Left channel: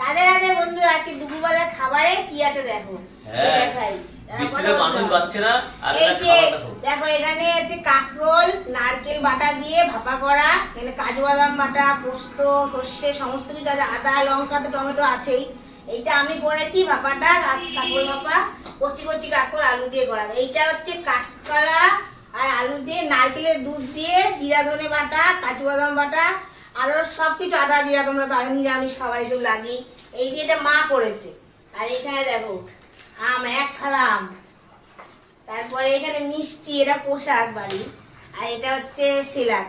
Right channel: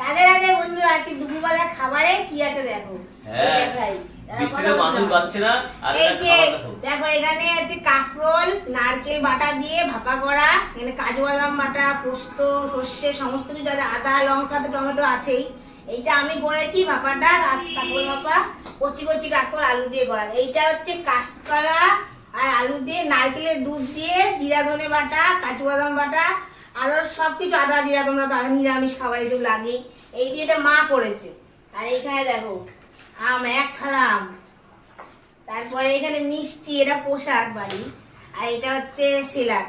রাধে রাধে বন্ধুরা, আজকে দুপুরবেলা খাবারে কি আছে দেখো। দেখাই বৃষ্টিতে মানুষ পাচ্ছে না। আর এই যে দেখো, এখানে আছে কাঁকরোল, নারকেল বাটা দিয়ে ভাপা করা, এখানে কাজু বাদাম বাটা, পোস্ত, সর্ষে, সমস্ত কিছু আছে, আদা লঙ্কা তো টমেটো আছেই। এইটা আমি করেছি ভাপাটা, কাঁকরোল ভাপা, কচি কচি কাঁকরোল আলু দিয়ে করা। এইটা হচ্ছে কাঁচকলা আর আলু দিয়ে, নারকেলের দুধ দিয়ে, জিরা ধনে বাটা, কাজু বাদাম বাটা, আরো সবকিছু, আদা জিরা, তোমরা তো নিরামিষ খাবার এসব লাগেই। এই দিয়ে এটা মা করেছে। আর এইখানে দেখো আম, এক থালা আম, তারপরে এখানে মিষ্টি, এটা পোশাক বাড়ি, আর এটা হচ্ছে সিলাট।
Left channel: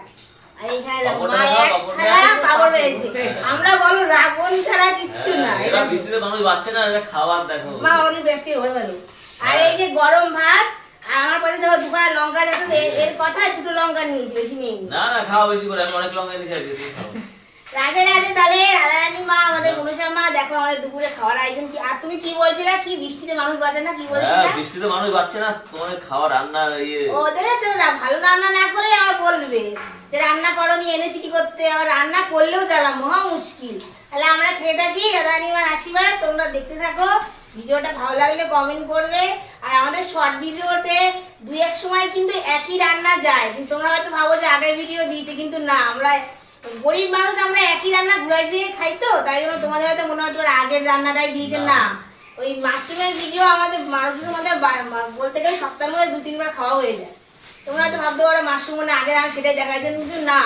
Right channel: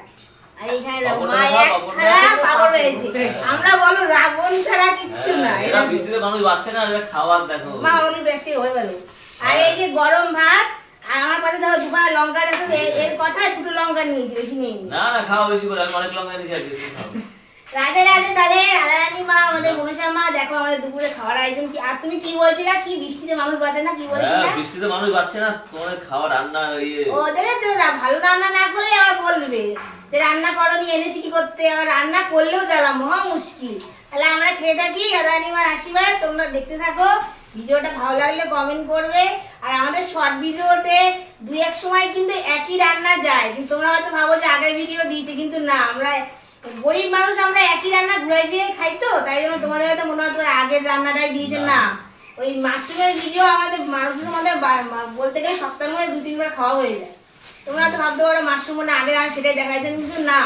আর এখানে দেখো মা এক থালা পাপড় রয়েছে। আমরা বলো রাবণ ছাড়া কিচ্ছু না। এটা বৃষ্টিতে মানুষ পাচ্ছে না, এটা খাবার দেখো মা ওর বেস্টি হয়ে গেল। আর এই যে গরম ভাত, আর আমার পাশে দেখো দুখানা লঙ্কা দেখো, এর কথায় দুটো লঙ্কা নিয়েছি, বেশি নেই। না না, খাওয়া বেশি করে, আমি অনেক লঙ্কা নিয়েছি। রাধে রাধে। তাহলে রাধারানী মা, আমাদের মনীষা মা, দেখো আমাদের দুপুরে খাওয়ার আয়োজন কি। আর তুমি কি বলছিলে, কি বৃষ্টিতে মানুষ বাঁচে না, কি বলছিলে? বৃষ্টিতে মানুষ বাঁচছে না, তোমাদের খাওয়া রান্না ও দেখেছো না, ভালো রান্না না করলে আবার বলবে যে রান্না করনি, এনেছি কি করতে। আর রান্না করলেও জ্বালা, মহা মুশকিল। তাহলে আমরা খেয়ে থাকি, রাধারানী মার আশীর্বাদ, তোমরা দেখতে থাকো। ভিডিওটা ভালো লাগলে কমেন্ট করবে। আর আমাদের শর্ট ভিডিওতে দুই এক সময় কিন্তু একই রান্না যায়, কিন্তু তোমরা হয়তো ভাবো যে আগের ভিডিও দিয়েছে, কিন্তু না, আমরা গরিব মানুষ, আমরা একই রান্না ঘুরাই দিয়ে খাই, তো তাই জন্য তোমাদের হয়তো মনে হয় তোমার আগের রান্নাটাই দিয়েছে। না, ওই মাশরুমের ভিডিও আমাদের মানুষের মধ্যে বলতে গেলে সপ্তাহের মধ্যে 2-3 বার খাওয়া হয়ে যায়। তোমরা হয়তো ভাবতে পারো মাশরুম মানে আগে রান্না সেটাই দেখাইছেন, কিন্তু না,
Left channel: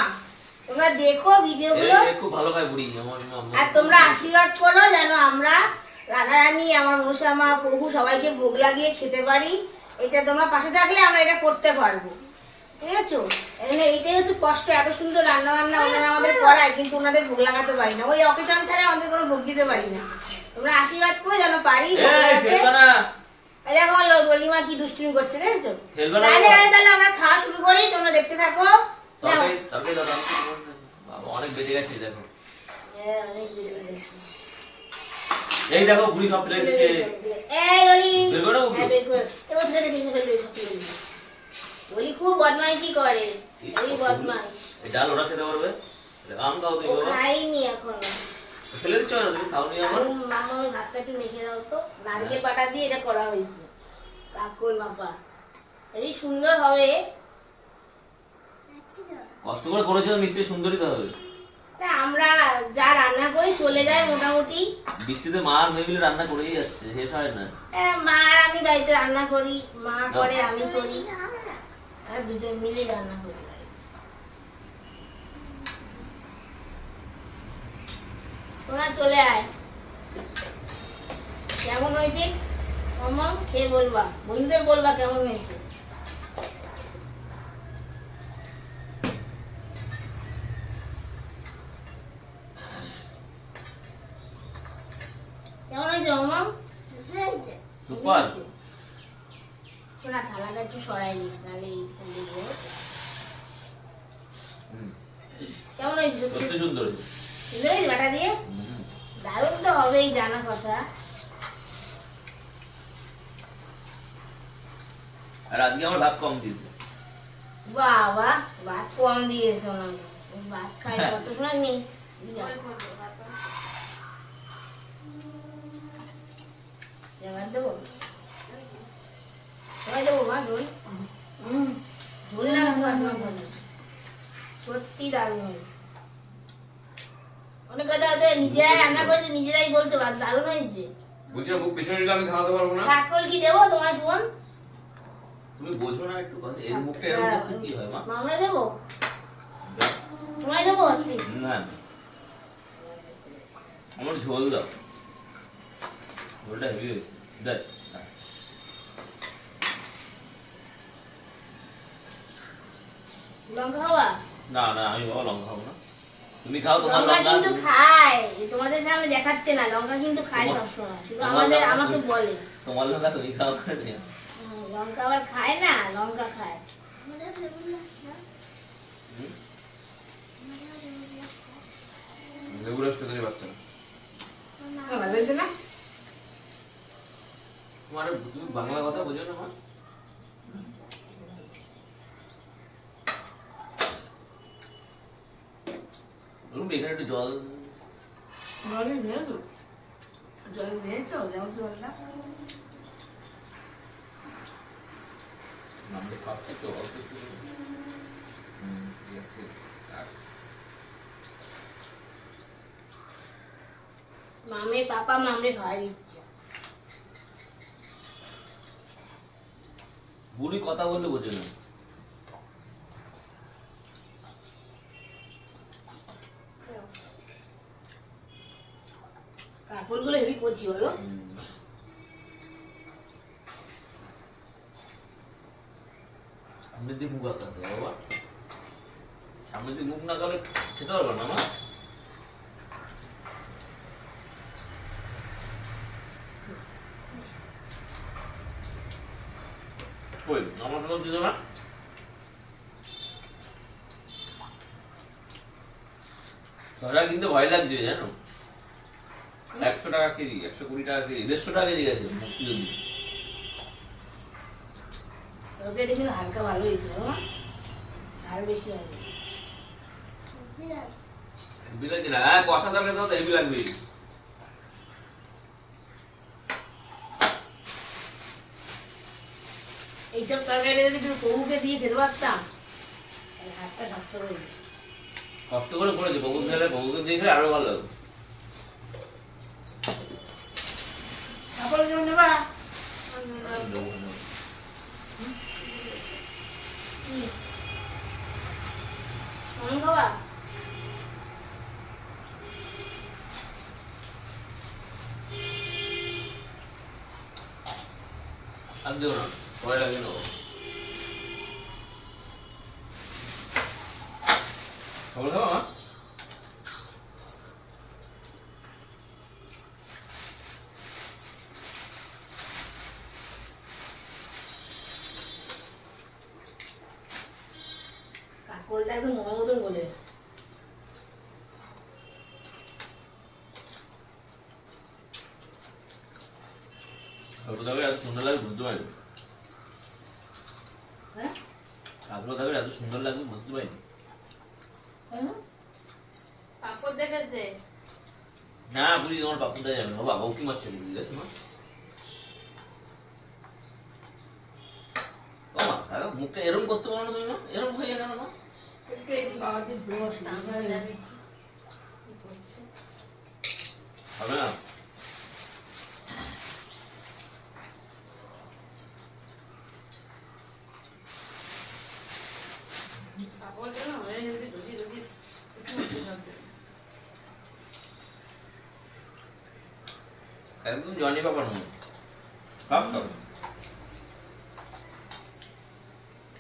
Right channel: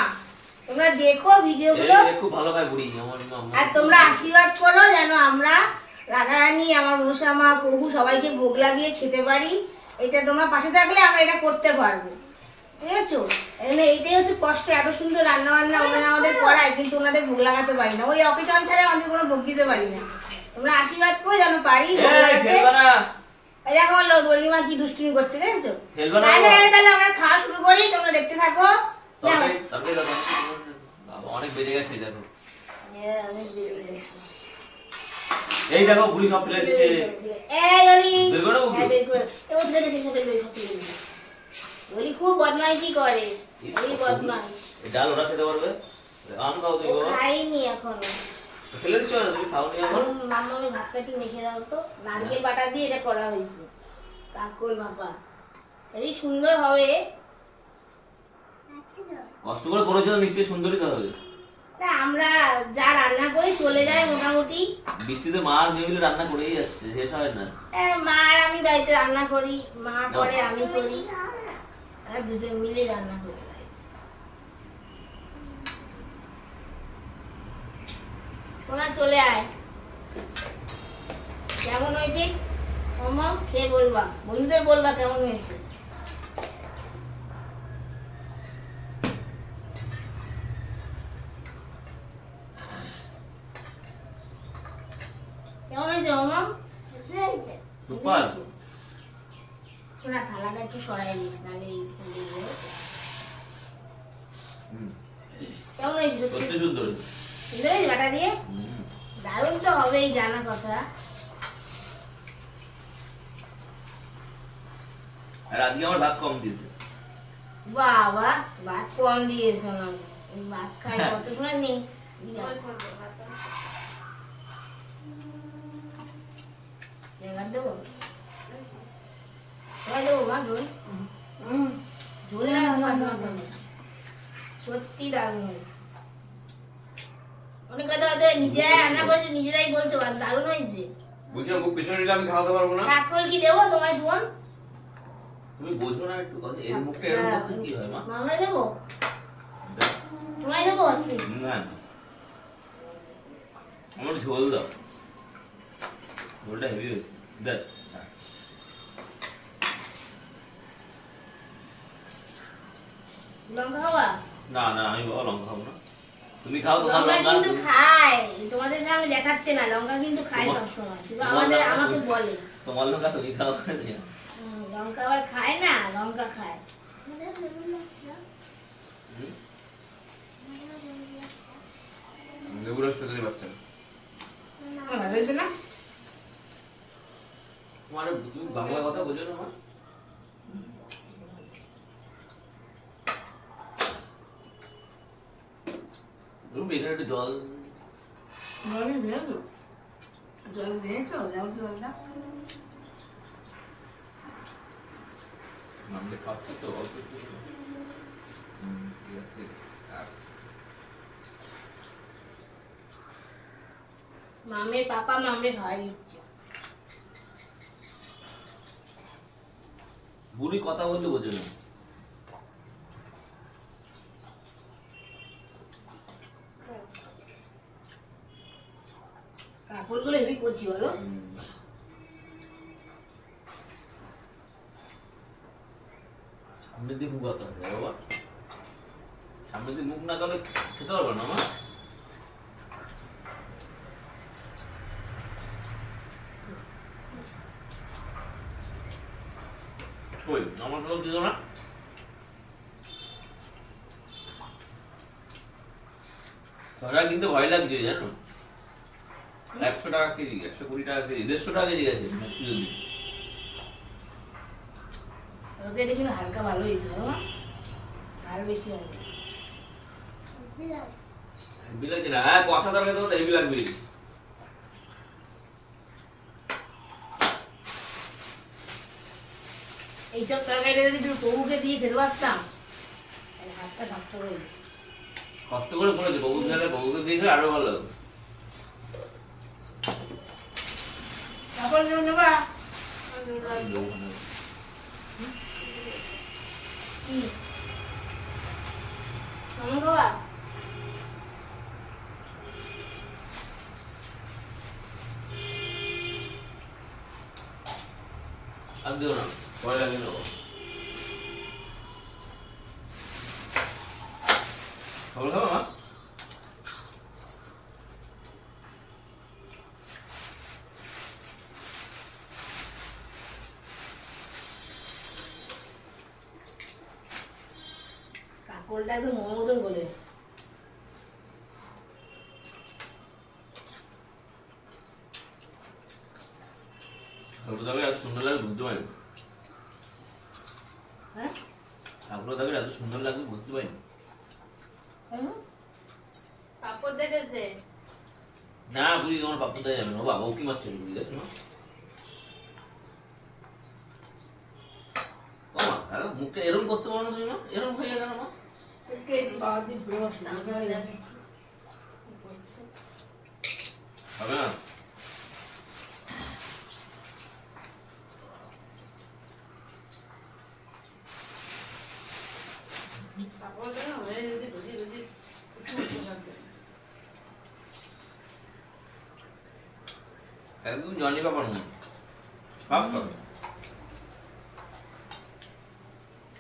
তোমরা দেখো ভিডিওগুলো, খুব ভালো খায় বুড়ি। আর তোমরা আশীর্বাদ করো যেন আমরা রাধারানী, আমার মনসা মা, প্রভু সবাইকে ভোগ লাগিয়ে খেতে পারি। এটা তোমরা পাশে থাকলে আমরা এটা করতে পারবো, ঠিক আছে? এইটাই হচ্ছে কষ্ট। এত সুন্দর রান্না বান্না ওনারা আমাদের করায়, কিন্তু ওনাদের ভোগ লাগাতে পারি না। ওই অকেশন ছাড়া আমাদের কোনো ভোগ দিতে পারি না। তোমরা আশীর্বাদ করো যেন পারি। দেখো আমার বলিমা কি দুষ্টুমি করছে, দেখেছো? রাধে রাধে। তাহলে আমরা খাওয়া শুরু করি, তোমরা দেখতে থাকো। অনেক বেজে গেছে দেখো, এই দেখো বুড়ি সব ফেলে দিচ্ছে। এই ওলি, এবার ফেলে দিচ্ছে, ফেলে দিচ্ছে, সব ফেলে দিচ্ছে। ওলি খুব বদমাইশি করে, ওই বদমাইশ। এই ডাল ওরা খেতে পারবে? আম খাও তুমি বাবা? খাইনি এখনো। ফেলে দিচ্ছ না তুমি? খাওনি এখন? মাম্মা আমি ভাতটা একটু মেখে দাও তো। নারকেল বাটা দিয়ে এটা করা হয়েছে, কাকরোল বাবা, এই সুন্দর হবে। কষ্ট করে করেছো নিশ্চয়ই সুন্দরই তো হবে। তা আমরা যা রান্না করি চলে যায় মোটামুটি। বৃষ্টিতে মা আর মেয়ে মিলে রান্না করেই যাচ্ছে, শেষ হয় না। মা আর আমি বাড়িতে রান্না করি, মা করে আমি করি, আর দুজন মিলে রান্না করি। তোরা চলে আয়। কেমন হয়েছে মাম্মা খেয়ে বলবা, বন্ধুদের বলবা কেমন হয়েছে। কেমন হয়েছে মাম্মা? সুপার। শোনা, থালাটা একটু সরাই দিস, নাহলে কেমন হয়েছে? সুন্দর সুন্দর হয়েছে বাটা দিয়ে, দারুণ তো হবেই, জানা কথা। আর আজকে আমার ভাত কম দিয়েছে। বাবা, ভাত কম দিয়েছে, ভাত খাই কত সময় নেই। দেবো দেবো মা, ঝোল ঝোল সত্যি দারুণ হয়েছে। অনেক কথা হয়তো নিজেরাই রান্না করেছে, নিজেরাই বলছো দারুণ হয়েছে। বুঝলাম, মুখ পেছনে নিলে আমি খাওয়াতে পারবো না। কাকরোল কি দেবো তোমার শোন? তুমি বোঝো না একটু কথা, এই মুখটা এরকম কি হয় মা? মামলা দেবো, তোমায় দেবো না, আমার ঝোল দাও, ঝোলটা হেভি হয়েছে। দেখ লঙ্কা খাওয়া? না না, আমি বাবা লঙ্কা খাবো না, তুমি খাও। তোমার লঙ্কা লঙ্কা কিন্তু খায়, তোমাদের সামনে দেখাচ্ছে না, লঙ্কা কিন্তু খায় সবসময়, শুধু আমাকে বলে তোমার লঙ্কা তুমি খাও। লঙ্কা আবার খায় না, লঙ্কা খায়। লেবু রস খেতে পারছে না। তুমি বাংলা কথা বোঝো না মা? এখানে একটু জল জল দিয়েছো? জল দিয়েছো? যাও জলটা। মামনি খাচ্ছে তো অল্প একটু করে। ঠিক আছে। আর মামের পাপা মামে খাওয়াই দিচ্ছে। বুড়ি কথা বলতে বোঝে না। কাপড়গুলো হেভি করছি বলো। সামনে দিয়ে মুখ আঁকাতে হবে বাবা। সামনে দিয়ে মুখ না আঁকালে খেতে পারবে না মা। কই আমার সব দিল না। ধরা কিন্তু ভয় লাগছে জানো। 100 টাকা কেজি, 120 টাকা কেজি, 150 টাকা কেজি গেছে মুক্তি যদি। তরকারিটা কিন্তু হালকা ভালো হয়েছিল না, আর বেশি হয়নি। হেভি লাগছে না? হ্যাঁ কষা তরকারি তো হেভি লাগবে। এইসব তরকারি যদি একটু প্রভুকে দিয়ে খেতে পারতাম তাহলে হাতটা শক্ত করে দিত। কষ্ট করে করেছে বউ খেলে, বউকে দিয়ে খেলে আরো ভালো লাগবে। তারপর যেমন নেবা কি কেমন খাবা? আর দেবো না, পরে লাগিয়ে নেবো। খবর খাবো মা? কাকলটা একদম মোমো মতন বলে খবর দাবে এত সুন্দর লাগবে বুঝতে পারি। হ্যাঁ ঠাকুর দাবে এত সুন্দর লাগবে বুঝতে পারিনি। পাপড় দেখেছে না বুঝি তোমার বাপু দেয় যাবে না, ও বাবা ও কি মারছে বুঝলি গেছে মা। ও মা দাদা মুখটা এরম করতে পারো না তুমি মা, এরম হয়ে গেল মা। একটু এই বাবা দিয়ে ঘুরে বসে তাহলে আমি হবে না। পাপড় দেন ওরে যদি গুজি গুজি একটু করতে একদম জনি বাবার মনে সব খাবে।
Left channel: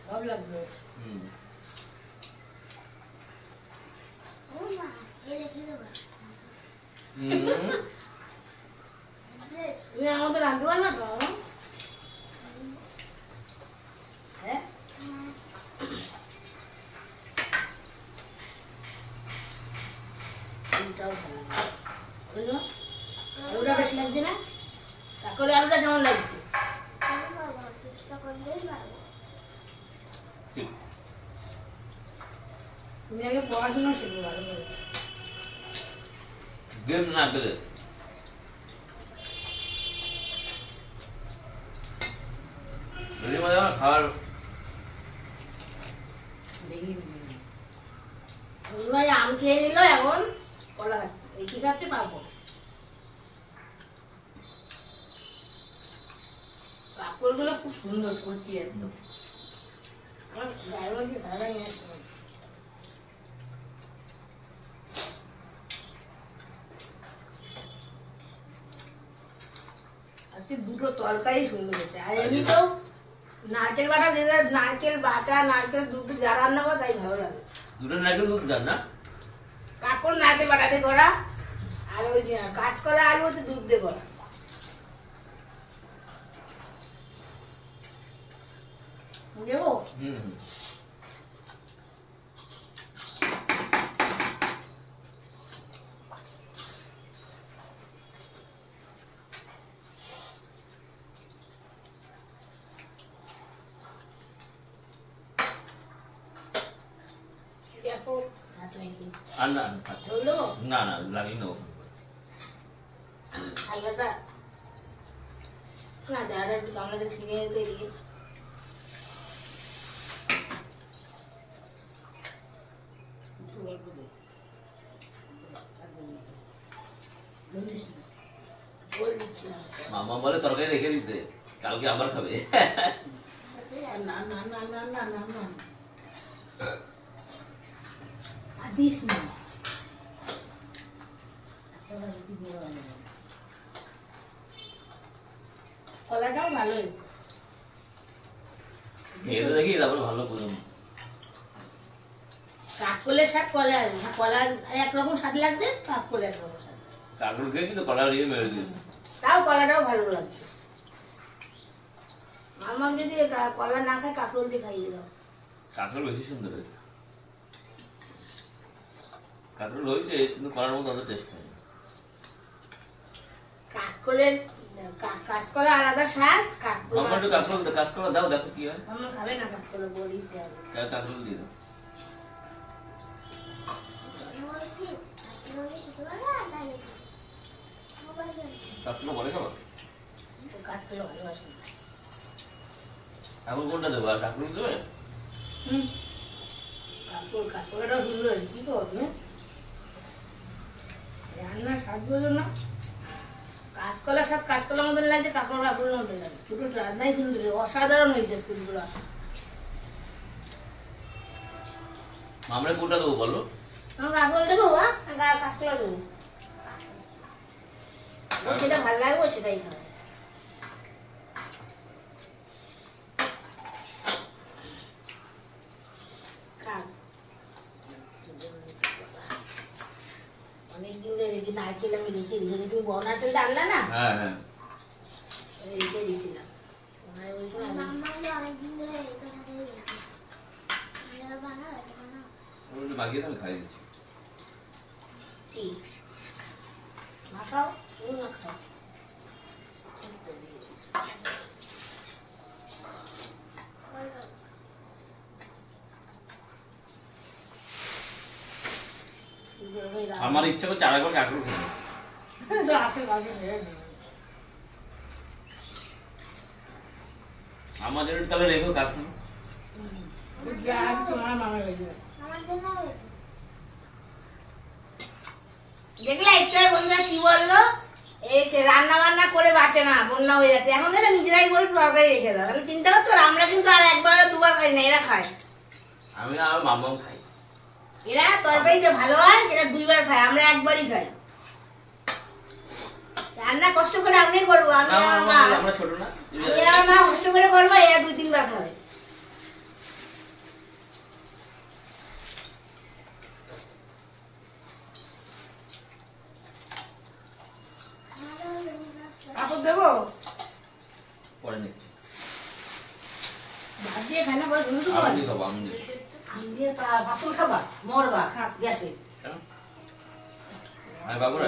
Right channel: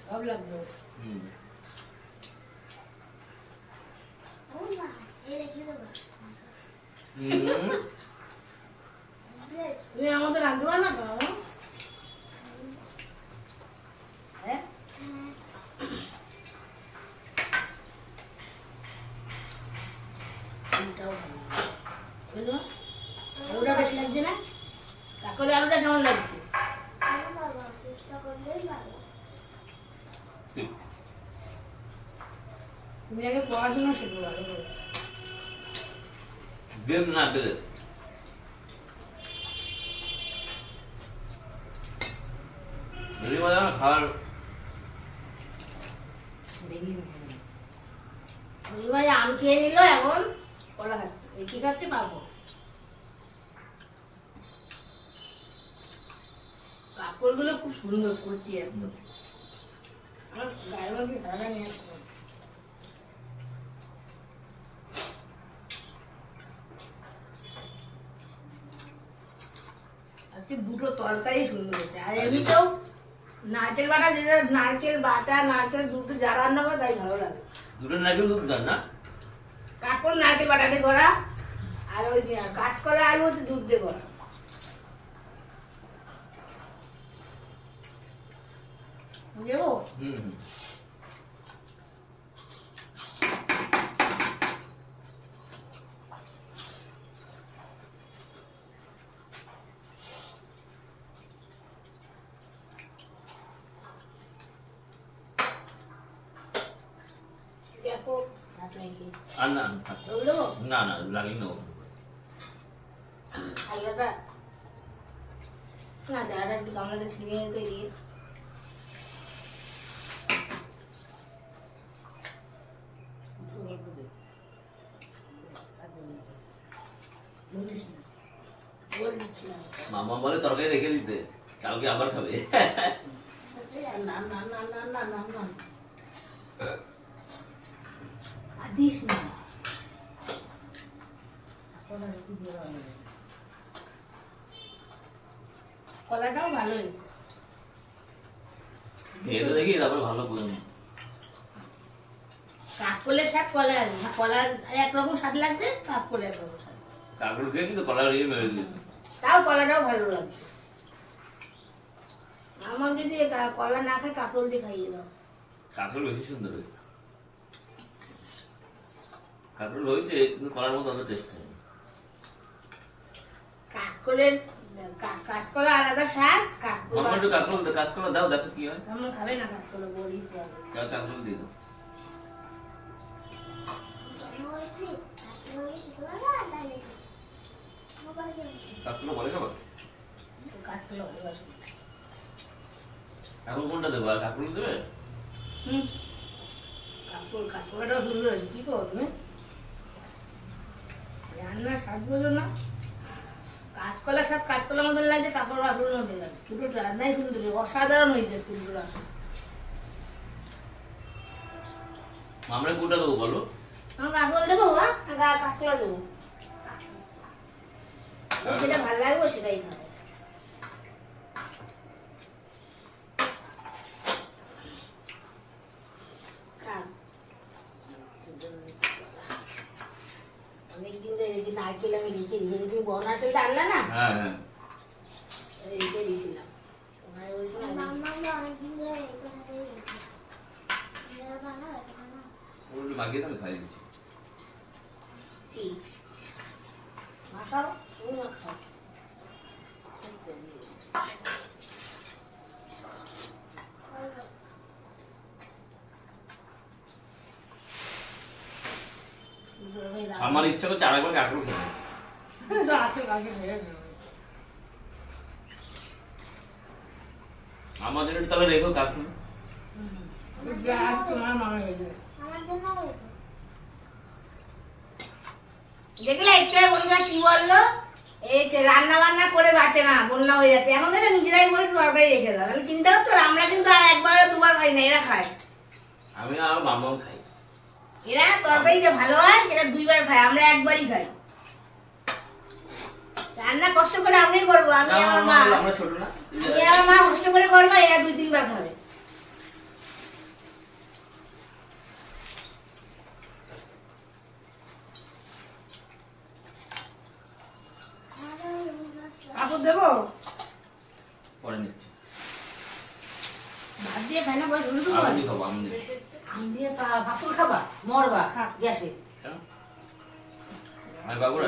সব লাগবে। হুম তুমি আমাদের রাঁধতে পারবে তো বাবা? হ্যাঁ এটাও ভালো বুঝলো? আলুটা বেশি লাগছে না? কাকলে আলুটা কেমন লাগছে? তুমি আগে পড়াশোনা শেখো ভালো করে। দেন না দেবে যদি মজা খাওয়ার ভাই আম খেয়ে নিল, এখন কলা খাচ্ছে। এই কি খাচ্ছে পাবো? কাপড়গুলো খুব সুন্দর করছি একদম। আমার গায়ের মধ্যে ধারা নিয়ে আসতে হবে। আজকে দুটো তরকারি সুন্দর হয়েছে। আর এমনিতেও নারকেল বাটা দিয়ে নারকেল বাটা নারকেল দুধ যা রান্না করে তাই ভালো লাগে। দুটো নারকেল দুধ দেন না। কাকর নারকেল বাটা দিয়ে করা, আর ওই যে কাঁচকলা আলু হচ্ছে দুধ দিয়ে করা। দেবো হুম দেখো হাত নাকি আর না দেবো। না না লাগিয়ে নেবো। আলাদা না যারা একটু গামলাটা ছিঁড়ে নিতে দিয়ে মামা বলে তরকারি রেখে দিতে, কালকে আবার খাবে। না না না না না না না দিস না কলাটাও ভালো হয়েছে। খেয়ে তো দেখি তারপরে ভালো বুঝুন। কাকলের শাক কলা কলার একরকম স্বাদ লাগবে, কাকল একরকম স্বাদ। কাকুর খেয়েছি তো কলা রিয়ে মেরে দিয়েছি। তাও কলাটাও ভালো লাগছে। আমার যদি কলা না খায় কাকরোল দিয়ে খাইয়ে দাও। কাকুর বেশি সুন্দর হয়েছে। কাকুর হয়েছে কিন্তু কলার মতো অত টেস্ট হয়। কাকলের কাঁচকলা আলাদা শাক, কাকল মামা একটু কাঁচকলা দাও, দেখো কি হয়। আমার খাবে না কাঁচকলা, বলিস কাকুর দিয়ে দাও। কাকুর বলে খাবার কাঁচকলা ভালোবাসে। এখন কোনটা দেবো, আর কাকুর দেবে? কাঁচকলাটাও সুন্দর হয়েছে, কি করবে রান্না স্বাদ বোঝো না। কাঁচকলা সব কাঁচকলার মতন লাগছে, কাপড় কাপড়ের মতন লাগছে, দুটো রান্নাই সুন্দর, অসাধারণ হয়েছে ফুলগুলো। আমরা কোনটা দেবো বলো? আমার কাপড় দেবো কাঁচকলা দেবো, যেটা ভালো লাগবে সেটাই খাবে। অনেকদিন ধরে নারকেল আমি রেখে রেখে তুমি বড় নারকেলটা আনলা না, হ্যাঁ হ্যাঁ রেখে দিয়েছিলাম। মাখিয়ে তাহলে খাই দিচ্ছি। কি মাখাও, তুমি মাখাও। আমার ইচ্ছা করছে আরেকবার কাকুর খেতে। আমার জন্য তাহলে রেখো কাকু। দেখলে একটা বন্ধুরা কি বললো, এই রান্না বান্না করে বাঁচে না, বন্যা হয়ে যাচ্ছে। এখন দেখে নিজেরাই বলছে তরকারি রেখে দাও, তাহলে চিন্তা করতো। আমরা কিন্তু আর একবার দুবার খাই না, এরা খায়। আমি আর মামাও খাই। এরা তরকারি যে ভালো হয় সেটা দুইবার খায়, আমরা একবারই খাই। রান্না কষ্ট করে আমি করবো, আমি আমার মা, আমরা ছোট না, আমি আমার মা কষ্ট করে করবো, এরা 2-3 বার খাবে। কাপড় দেবো পরে নিচ্ছি। ভাত দিয়ে খাই না, বলে শুনতে আমি খাবো, আমি আমি দিয়ে কাপড় খাবা মরবা গ্যাসে। আমি বাবু রে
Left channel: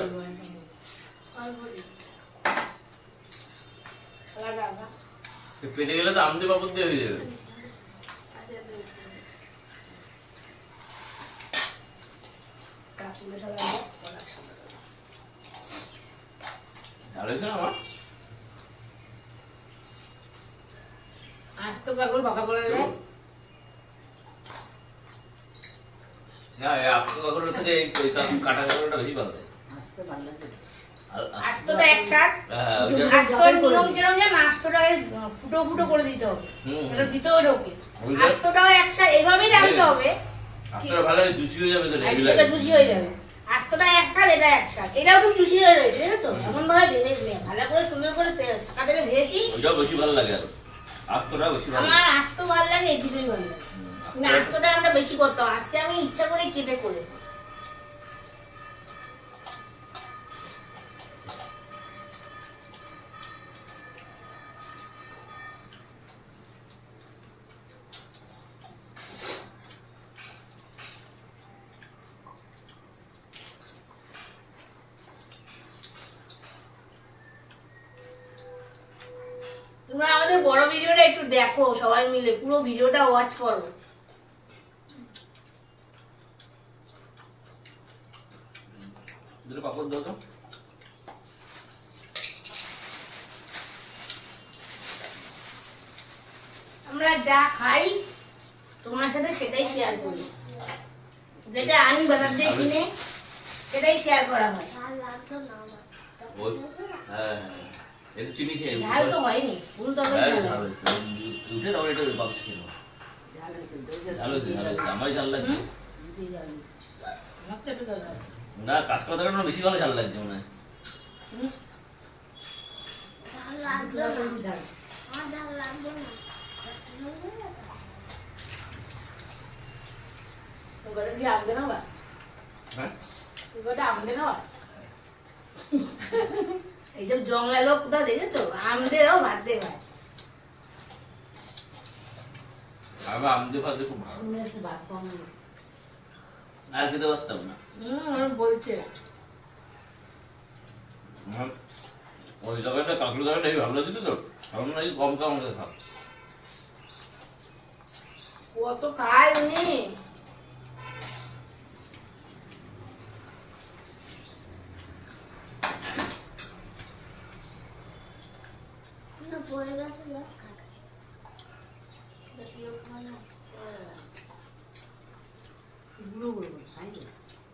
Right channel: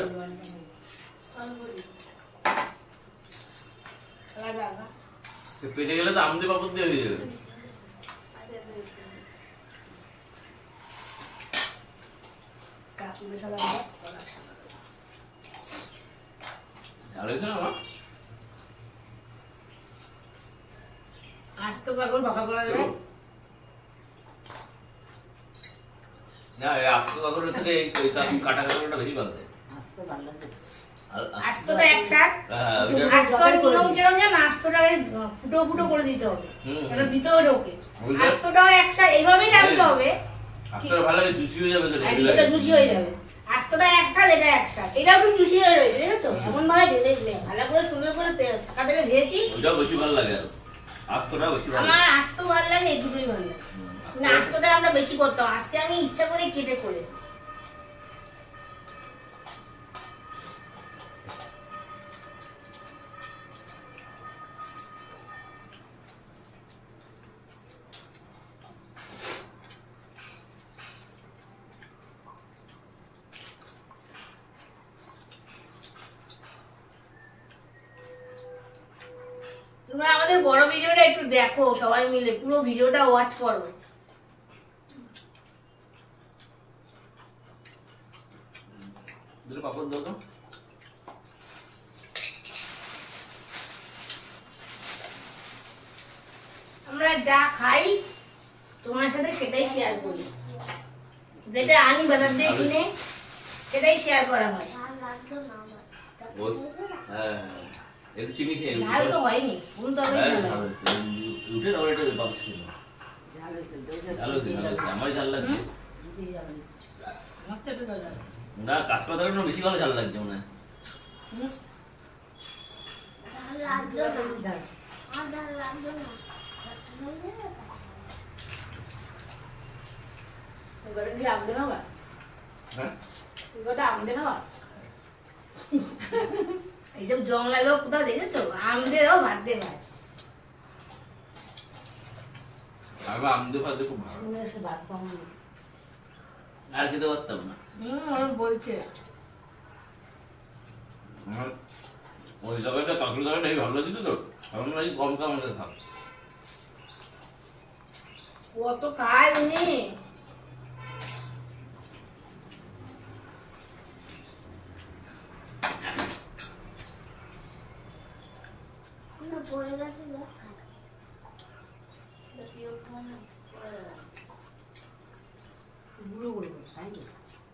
পেটে গেলে তো আমদি বাবুর দিয়ে হয়ে যাবে। ভালো হয়েছে না আমার? আজ তো কাকুর বাঁকা করে দেয়। না এই আপু কাকুরের থেকে এই কাটা কাকুরটা বেশি ভালো লাগে। আসতে ভালো লাগে। আস্তটা একসাথ, হ্যাঁ, ওইটা- আস্তর নিয়ম কিরকম জানো, আস্তটাকে ফুটো ফুটো করে দিতে হবে, এটা ভিতরে ঢোকে। ওইটা- আস্তটাও একসাথে এইভাবেই রাখতে হবে, আপনারা ভালো লাগে জুসি হয়ে যাবে তো আর রেডি এটা জুসি হয়ে যাবে। আস্তটা একসাথ, এটা একসাথ, এটাও কিন্তু জুসি হয়ে রয়েছে, দেখেছো? এমন ভাবে ঢেলে ভালো করে সুন্দর করে ছাকা তেলে ভেজেছি। ওইটাও বেশি ভালো লাগে আর আস্তটা বেশি ভালো আমার লাগে। আস্ত ভালো লাগে, এই দুটোই ভালো লাগে। না আস্তটা- আস্তটা আমরা বেশি করতাম, আজকে আমি ইচ্ছা করে কেটে করেছি। তোমরা আমাদের বড় ভিডিওটা একটু দেখো, সবাই মিলে পুরো ভিডিওটা ওয়াচ করো। দুটো পাপড় দাও তো। যা খাই তোমার সাথে সেটাই শেয়ার করি। যেটা আনি বাজার দিয়ে কিনে সেটাই শেয়ার করা হয়। ওই হ্যাঁ একটু চিনি খেয়ে ঝাল তো হয়নি, ফুল তো হ্যাঁ, ঝাল ঝাল হয়। হয়েছে। উঠে তারপরে এটা বাতাস খেলো ঝাল হয়েছে ঝাল হয়েছে আমার ঝাল লাগছে না কাঁচকলা তরকারি বেশি ভালো ঝাল লাগছে মনে হয় হ্যাঁ এইসব জংলা লোক কোথাও দেখেছো? আমদেরও ভাত দিয়ে খায়। আমি আমদে ফাতে খুব ভালো আর খেতে পারতাম না বলছে আমার ওই তরকারিটা কাঁকড়ি তরকারিটা ভালো লাগছিল তো এখন নাকি কম কম আমাদের খাও কত খায় উনি।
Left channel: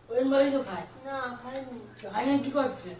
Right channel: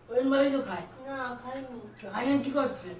ওই ভাবেই তো খায়। খায়নি কি করছে?